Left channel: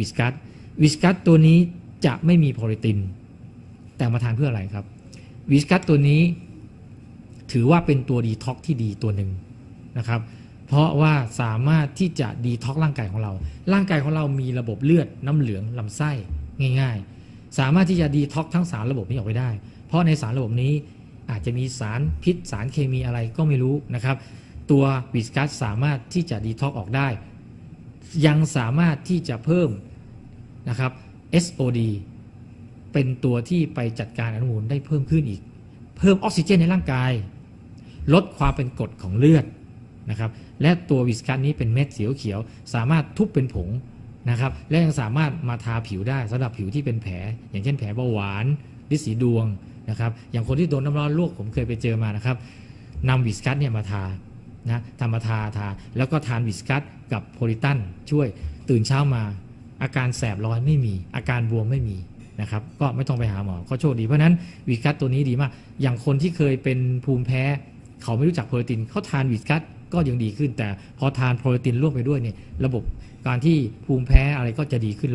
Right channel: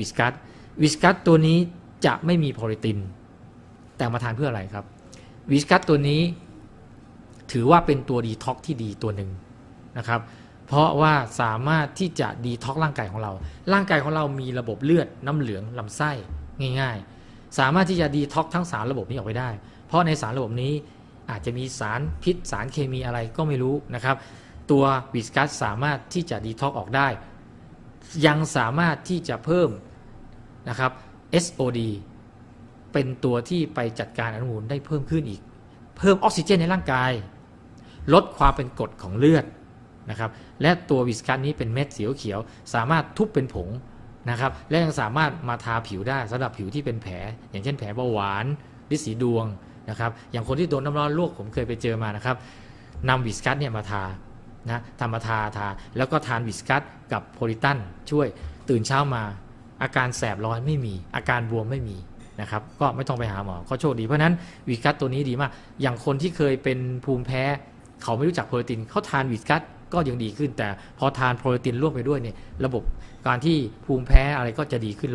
วิสกัสวิสกัสตัวนี้จะไม่มีโพลิติน แต่มาทานเพื่ออะไรครับวิสกัสตัวนี้ถือว่าเป็นตัวดีท็อกที่ดีตัวหนึ่งนะครับ เพราะว่าสามารถที่จะดีท็อกร่างกายของเรา ร่างกายของเรามีระบบเลือดน้ำเหลืองลำไส้ง่าย ๆ สามารถที่จะดีท็อกทั้งสารระบบนี้ออกไปได้ เพราะในสารระบบนี้อาจจะมีสารพิษสารเคมีอะไรก็ไม่รู้นะครับ ตัววิสกัสสามารถที่จะดีท็อกออกได้ ยังสามารถที่จะเพิ่ม นะครับ SOD เป็นตัวที่ไปจัดการอนุมูลได้เพิ่มขึ้นอีก เพิ่มออกซิเจนในร่างกาย ลดความเป็นกรดของเลือดนะครับและตัววิสกัสนี้เป็นเม็ดสีเขียว สามารถทุบเป็นผงนะครับและยังสามารถมาทาผิวได้สำหรับผิวที่เป็นแผล อย่างเช่นแผลเบาหวานลิสีดวงนะครับอย่างคนที่โดนน้ำร้อนลวกผมเคยไปเจอมานะครับนำวิสกัสเนี่ยมาทานะทำมาทาทา แล้วก็ทานวิสกัสกับโพลิตันช่วยตื่นเช้ามา อาการแสบร้อนไม่มี อาการบวมไม่มีนะครับก็ไม่ต้องไปหาหมอก็โชคดีเพราะนั้นวิสกัสตัวนี้ดีมาก อย่างคนที่เคยเป็นภูมิแพ้ เขาไม่รู้จักโปรตีนเขาทานวิสกัสก็ยังดีขึ้น แต่พอทานโปรตีนร่วมไปด้วยเนี่ยระบบการที่ภูมิแพ้อะไรก็จะดีขึ้น